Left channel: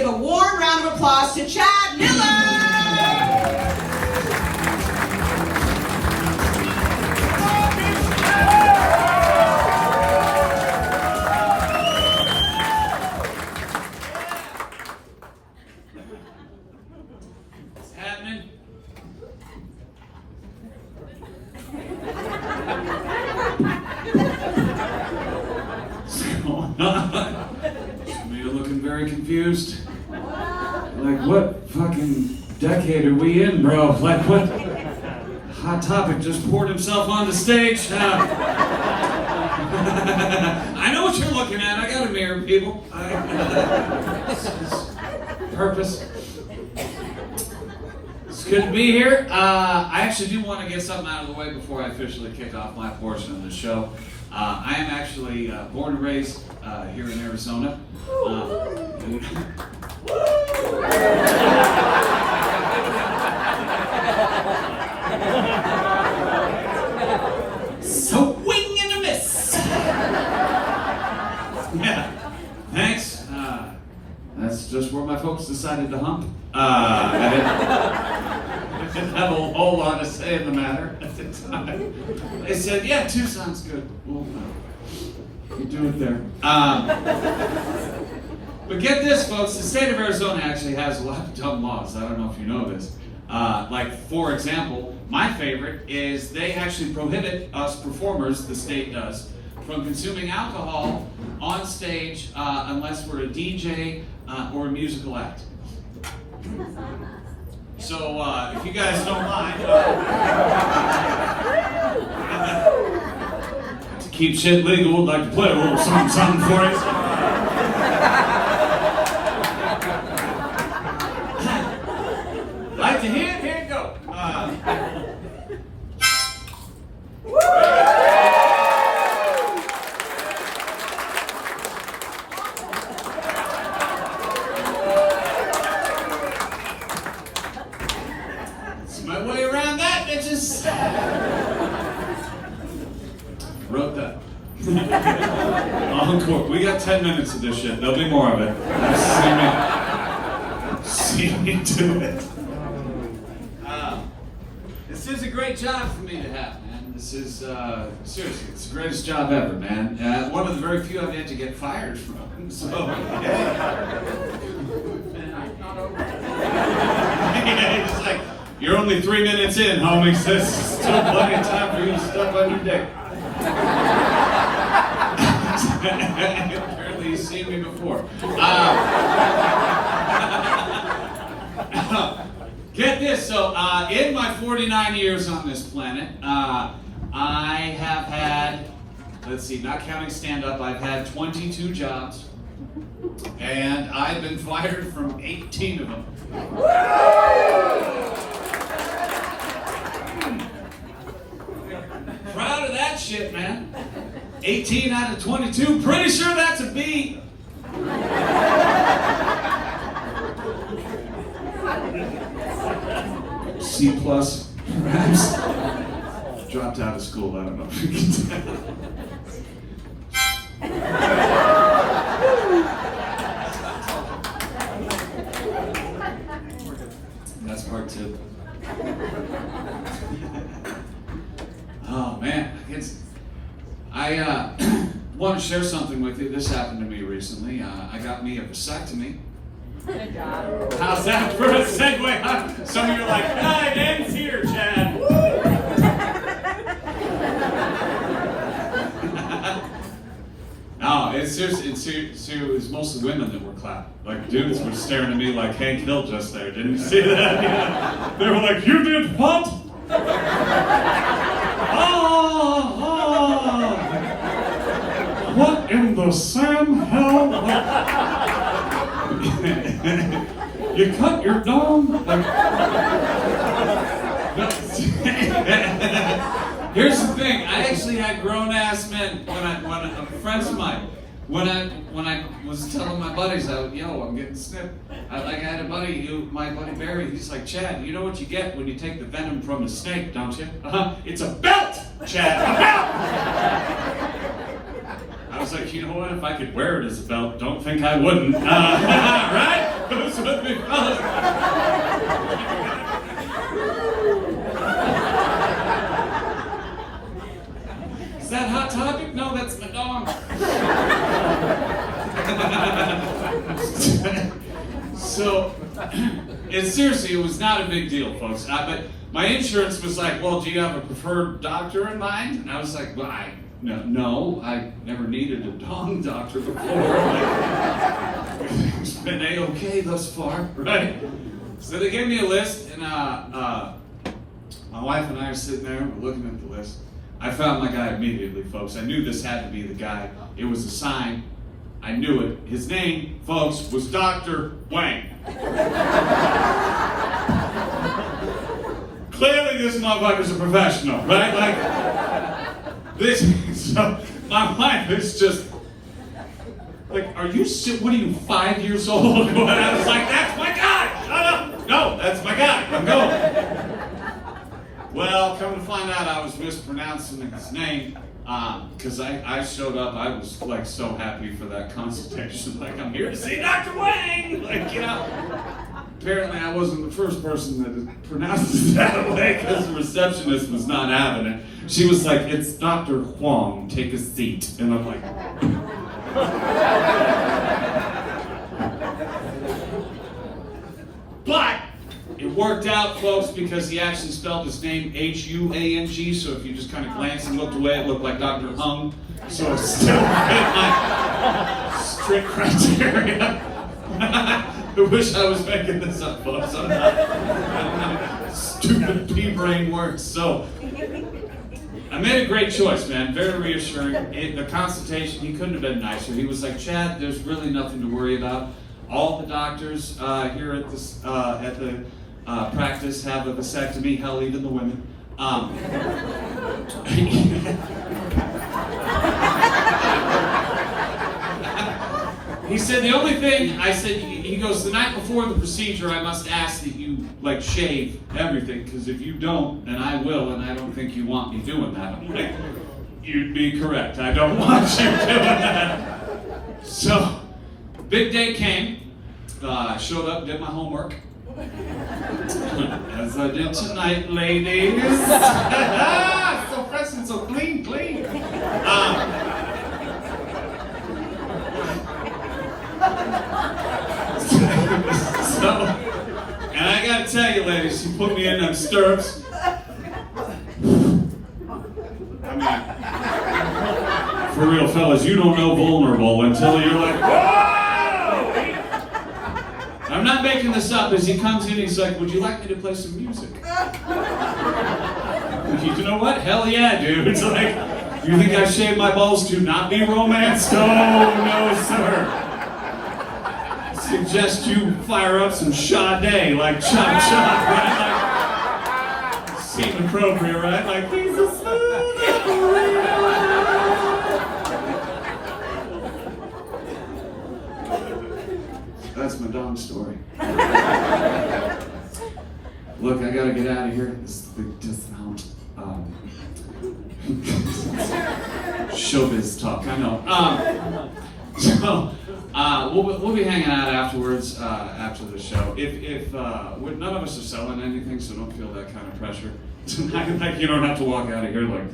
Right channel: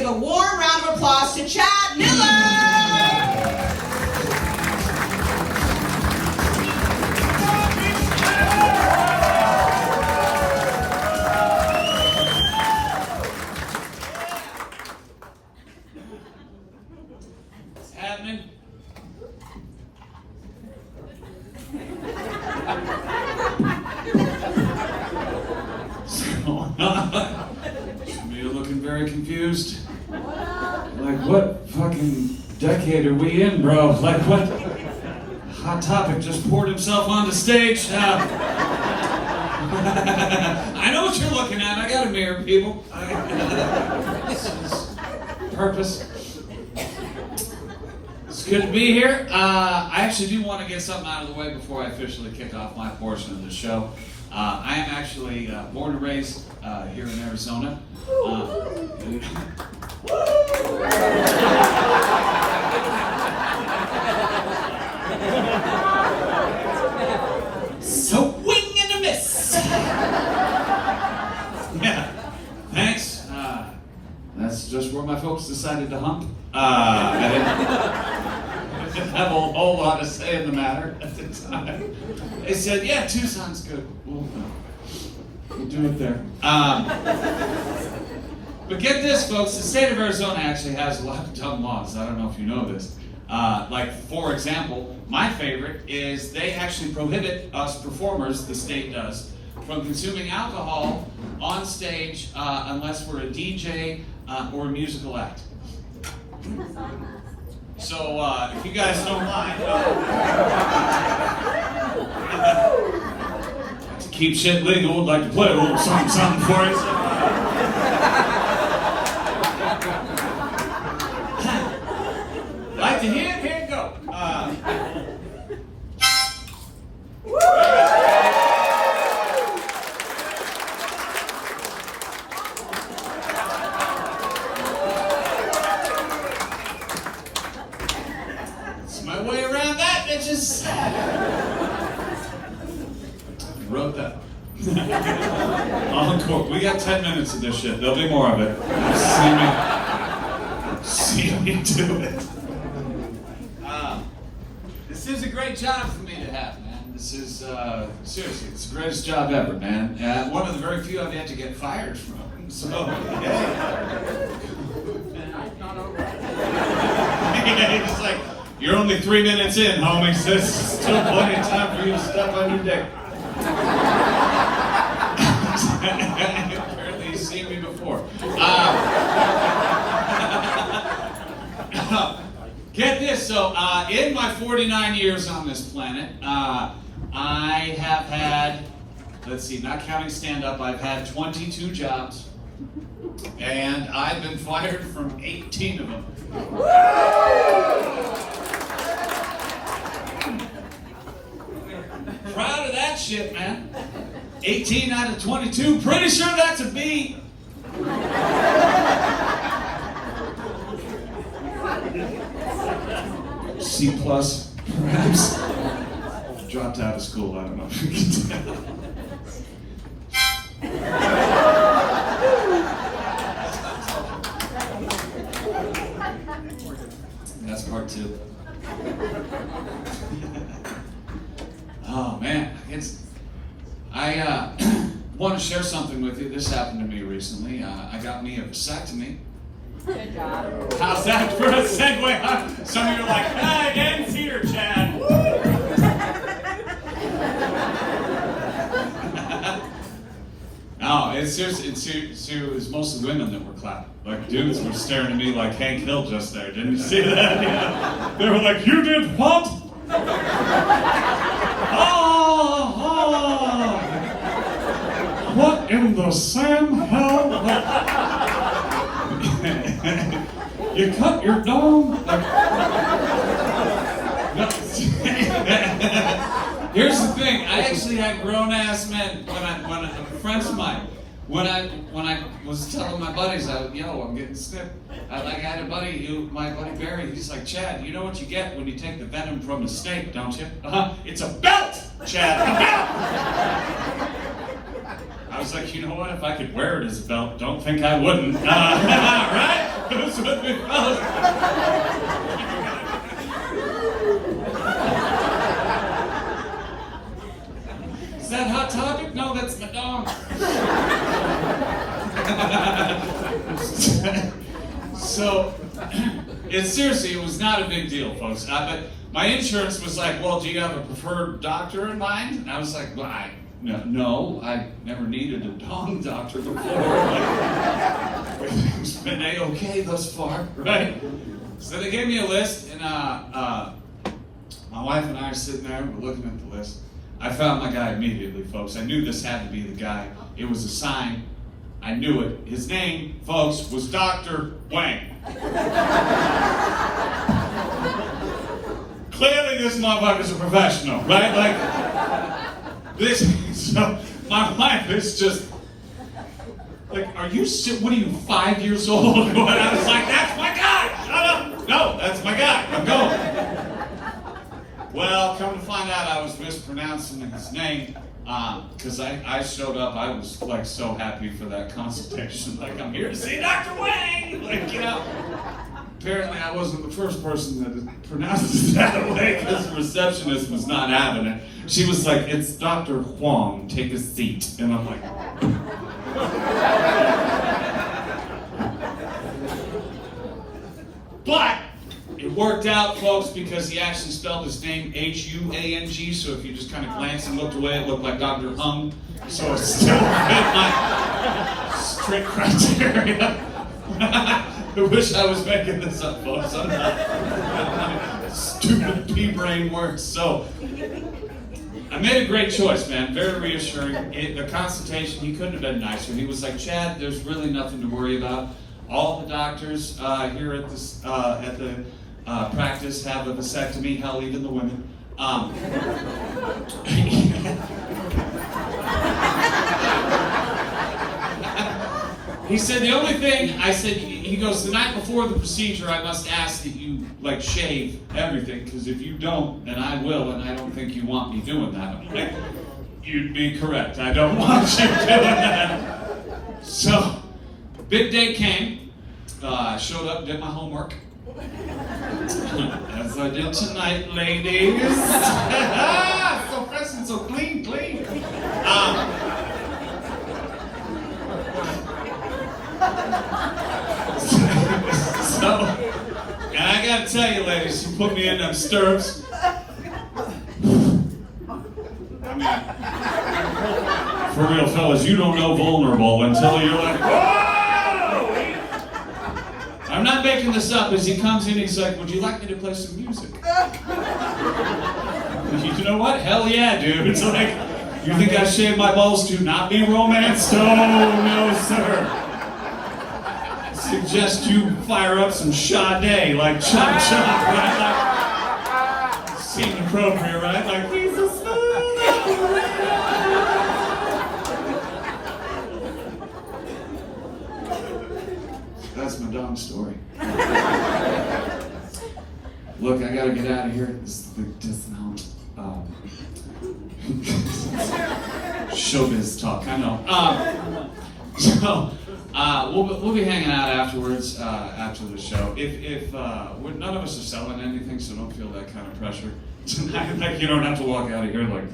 give a warm round of applause to Chad Miller! What's happening? What's going on? Some of you looking very confused. Like, what fucking decade are we in, bro? Like, what Hot Topic just poured himself onto stage? I know what you're looking at. I got a mirror, people. Purpose. It's good to be here. I actually do want to get something out of the way before I officially kick off my portion of the show. I am actually born and raised here in Arizona. Swing and a miss! Yeah, thanks. That's just where my folks decided to hump. I didn't have a whole lot to say in the matter at the time. They said, yeah, 2 sounds good. We'll do it there. But get this, folks, the state of Arizona actually has a lot of dumb laws. I don't know if you know this. Like, for example, my favorite is they actually prohibit us performers, the state does, from consuming alcohol on stage unless we're a DJ or a musical act. So, if you guys don't mind, to keep shit legal, would like to play a little something for you. Like to hear it? Here you go. That's my way around that, bitches. Wrote that. Encore. We got 10 minutes of this shit. There'll be more of it. See me do it. This is a great job for me to have, man. This is, seriously, it's the greatest job ever, man. One of the very few I've yet to get fired from. So, yeah. It's like, you're only 3 minutes in, homies. This is still plenty of time for you to stuff on your dick. Apparently you've seen me before. Get this, so in my 49 years on this planet, I have had, let's see, not counting stand-up, I've had 22 jobs, and I've been fired from 18 of them. Proud of that shit, man. 18 out of 22, pretty sure that's a B. C plus, perhaps. Dropped out of school, I don't know if you can tell. That's part 2. Oh man, I want to share something with you. This happened to me recently. I got me a vasectomy. Good job. How's that for a segue? Some of you are like, hi, Dan's here, Chad. No, it's mostly women that were clapping. Like, dudes were staring at me like Hank Hill just there. Didn't you see that? Yeah. They were like, you did what? Oh. What in the Sam hell? You cut your dome? Here's the thing. I actually had grown-ass men when friends of mine. When I was telling my buddies, I'm getting snipped. I had a buddy, my buddy Barry. He's like, Chad, you know what you get when you take the venom from a snake, don't you? It's a belt, Chad, a belt. I was like, you know what? If I could wear it as a belt, don't think I wouldn't. Right? with me, fellas. Is that Hot Topic? No, that's my dog. So, seriously, it was not a big deal, folks. But my insurance was like, well, do you have a preferred doctor in mind? And I was like, well, no, I never needed a dog doctor before. It's been A-okay thus far, right? So they gave me a list, and my wife and I are sitting there, we're looking at the list. I found my guy immediately, folks. I knew this had to be the guy. It was a sign. I knew it. His name, folks, was Dr. Wang. Clearly this motherfucker's a professional, right? Like, this, so my wife is just, like, are you, what are you, 5 years old? And I was like, that's my guy, shut up. No, that's my guy, I'm going. Well, come to find out, I was mispronouncing his name, because I showed up, I was, like, so happy for that consultation. Like, I'm here to see Dr. Wang! Like, you know. Apparently, I wasn't the first person that pronounced it that way, because the receptionist was not having it. She was like, it's Dr. Huang, take a seat. And I'm like, but it worked out, folks, because he actually spelled his name H-U-A-N-G, so if you just kind of glanced and looked away, it looked like Dr. Hung. So it's still my strict criteria. I wish I was making this up, folks. I'm not. Stupid pea-brain works. So I made a great choice, man. Very reassuring. The consultation, he couldn't have been nicer. He was like, Chad, there's really nothing to worry about. All the doctors here at the practice have a vasectomy. Hell, even the women. He said, the only thing, I said, he goes, the night before the procedure, I must ask that you, like, shave everything, because if you don't, then I will, and I don't think you want me doing that. I'm like, you'd be correct. I don't want you doing that. So, big day came. I showed up, did my homework. As I did tonight, ladies. So fresh and so clean. And I gotta tell you, ladies, you put me in them stirrups. I mean, for real, fellas, you don't know vulnerable until you're like, whoa! I'm not making this up. As he comes in, he's like, would you like me to play some music? You know what? Hell yeah, dude. It's like, you think I shaved my balls to not be romanced? Oh, no, sir. Suggest you fire up some Sade, like chop, right? Like, seemed appropriate, right? Like, he's a smooth operator. That's my Don story. Look, I gotta get out of here. This is the dismount. Showbiz talk, I know. So, we'll be hanging out afterwards, after the show. If none of us are selling anything, so don't feel that kind of pressure tonight. Like, you don't have to walk out of here like,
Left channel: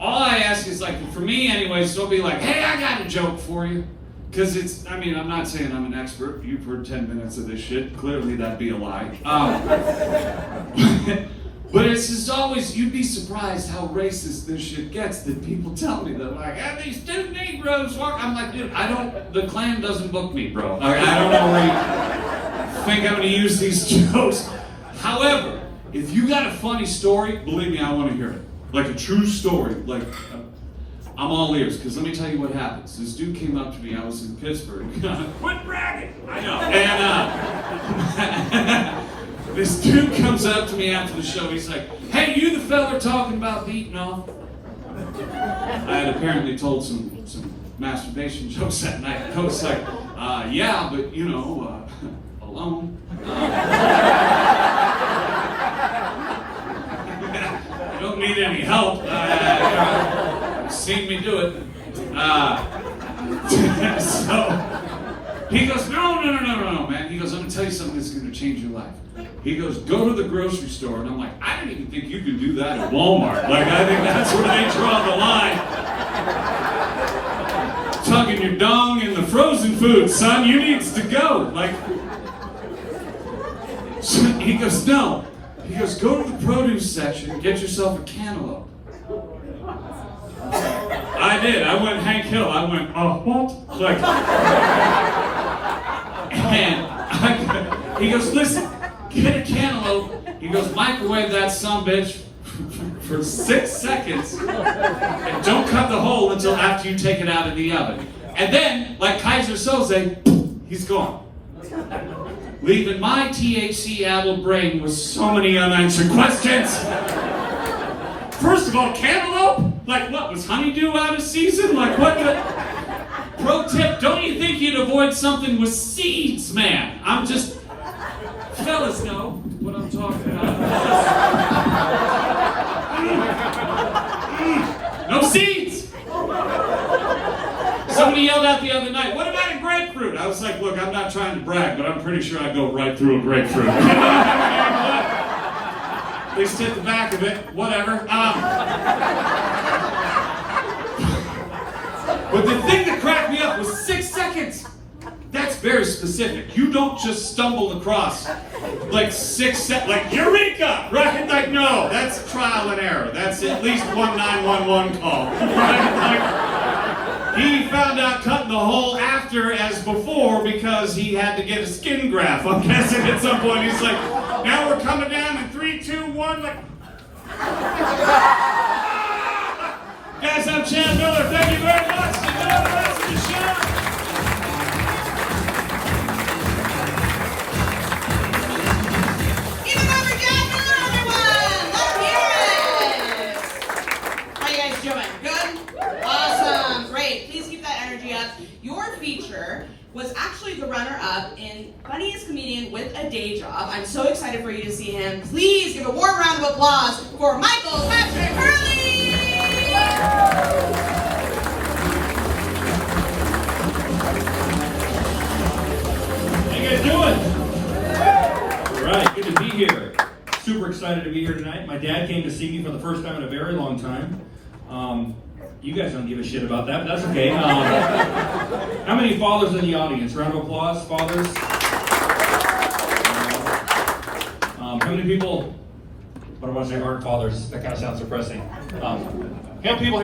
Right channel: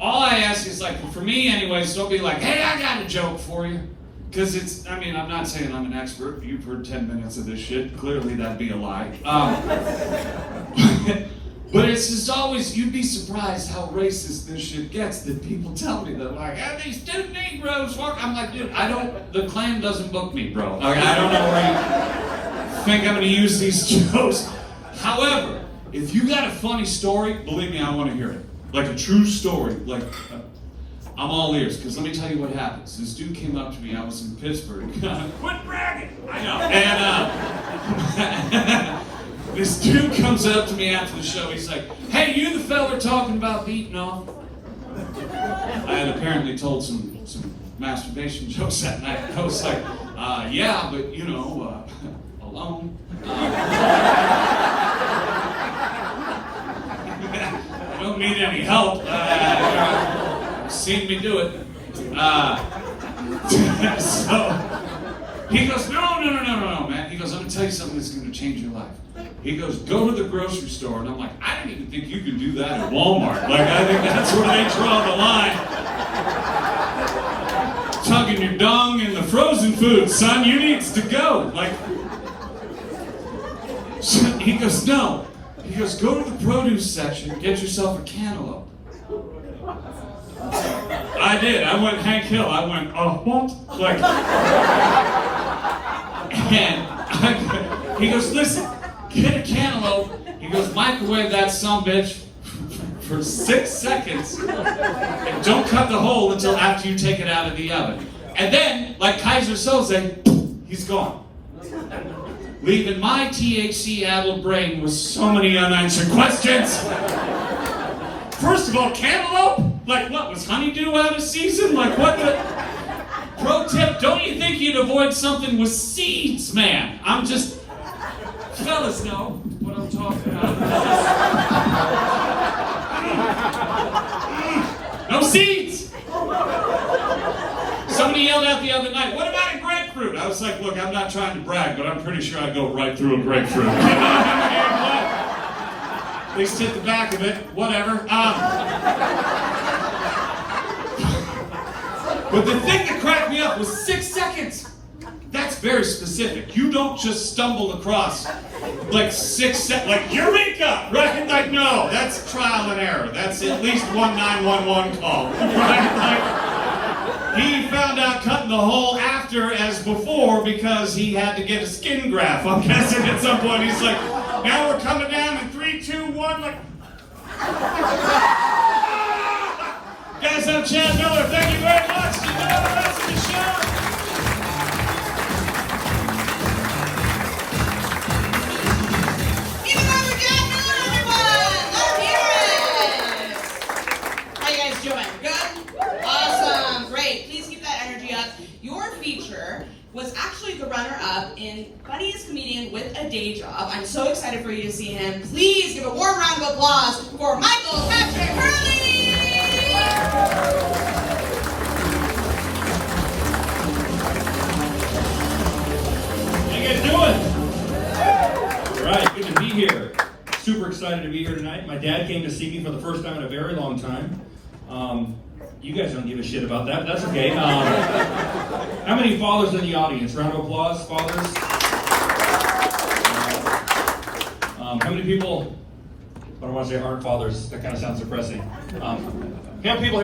All I ask is, like, for me anyways, don't be like, hey, I got a joke for you. Because it's, I mean, I'm not saying I'm an expert. You've heard 10 minutes of this shit. Clearly that'd be a lie. But it's just always, you'd be surprised how racist this shit gets, that people tell me that, like, hey, these two Negroes work. I'm like, dude, the Klan doesn't book me, bro. Like, I don't know where you think I'm going to use these jokes. However, if you got a funny story, believe me, I want to hear it. Like a true story. Like, I'm all ears, because let me tell you what happens. This dude came up to me, I was in Pittsburgh. Quit bragging! I know. And, this dude comes up to me after the show. He's like, hey, you the fella talking about beating off? I had apparently told some masturbation jokes that night. I was like, yeah, but, you know, alone. I don't need any help. Seen me do it. So, He goes, no, man. He goes, I'm going to tell you something that's going to change your life. He goes, go to the grocery store. And I'm like, I don't even think you can do that at Walmart. Like, I think that's where they draw the line. Tugging your dong in the frozen food, son. You needs to go. Like, so he goes, no. He goes, go to the produce section and get yourself a cantaloupe. I did. I went Hank Hill. I went, what? Like, and he goes, listen, get a cantaloupe. He goes, microwave that sumbitch for 6 seconds and don't cut the hole until after you take it out of the oven. And then, like Kaiser Soze, he's gone. Leaving my THC-addled brain with so many unanswered questions. First of all, cantaloupe? Like what, was honeydew out of season? Like what the... Pro tip, don't you think you'd avoid something with seeds, man? I'm just... Fellas know what I'm talking about. No seeds! Somebody yelled out the other night, what about a grapefruit? I was like, look, I'm not trying to brag, but I'm pretty sure I go right through a grapefruit. At least hit the back of it, whatever. But the thing that cracked me up was 6 seconds. That's very specific. You don't just stumble across like 6 seconds, like Eureka, right? Like no, that's trial and error. That's at least 911 call. Right? Like, he found out cutting the hole after as before because he had to get a skin graft. I'm guessing at some point he's like, now we're coming down in 3, 2, 1. Like, guys, I'm Chad Miller. Thank you very much. See you for the rest of the show. Your feature was actually the runner-up in Funniest Comedian with a Day Job. I'm so excited for you to see him. Please give a warm round of applause for Michael Patrick Hurley! How you guys doing? All right, good to be here. Super excited to be here tonight. My dad came to see me for the first time in a very long time. You guys don't give a shit about that, but that's okay. How many fathers in the audience? Round of applause, fathers. How many people, I don't want to say aren't fathers, that kind of sounds depressing. How many people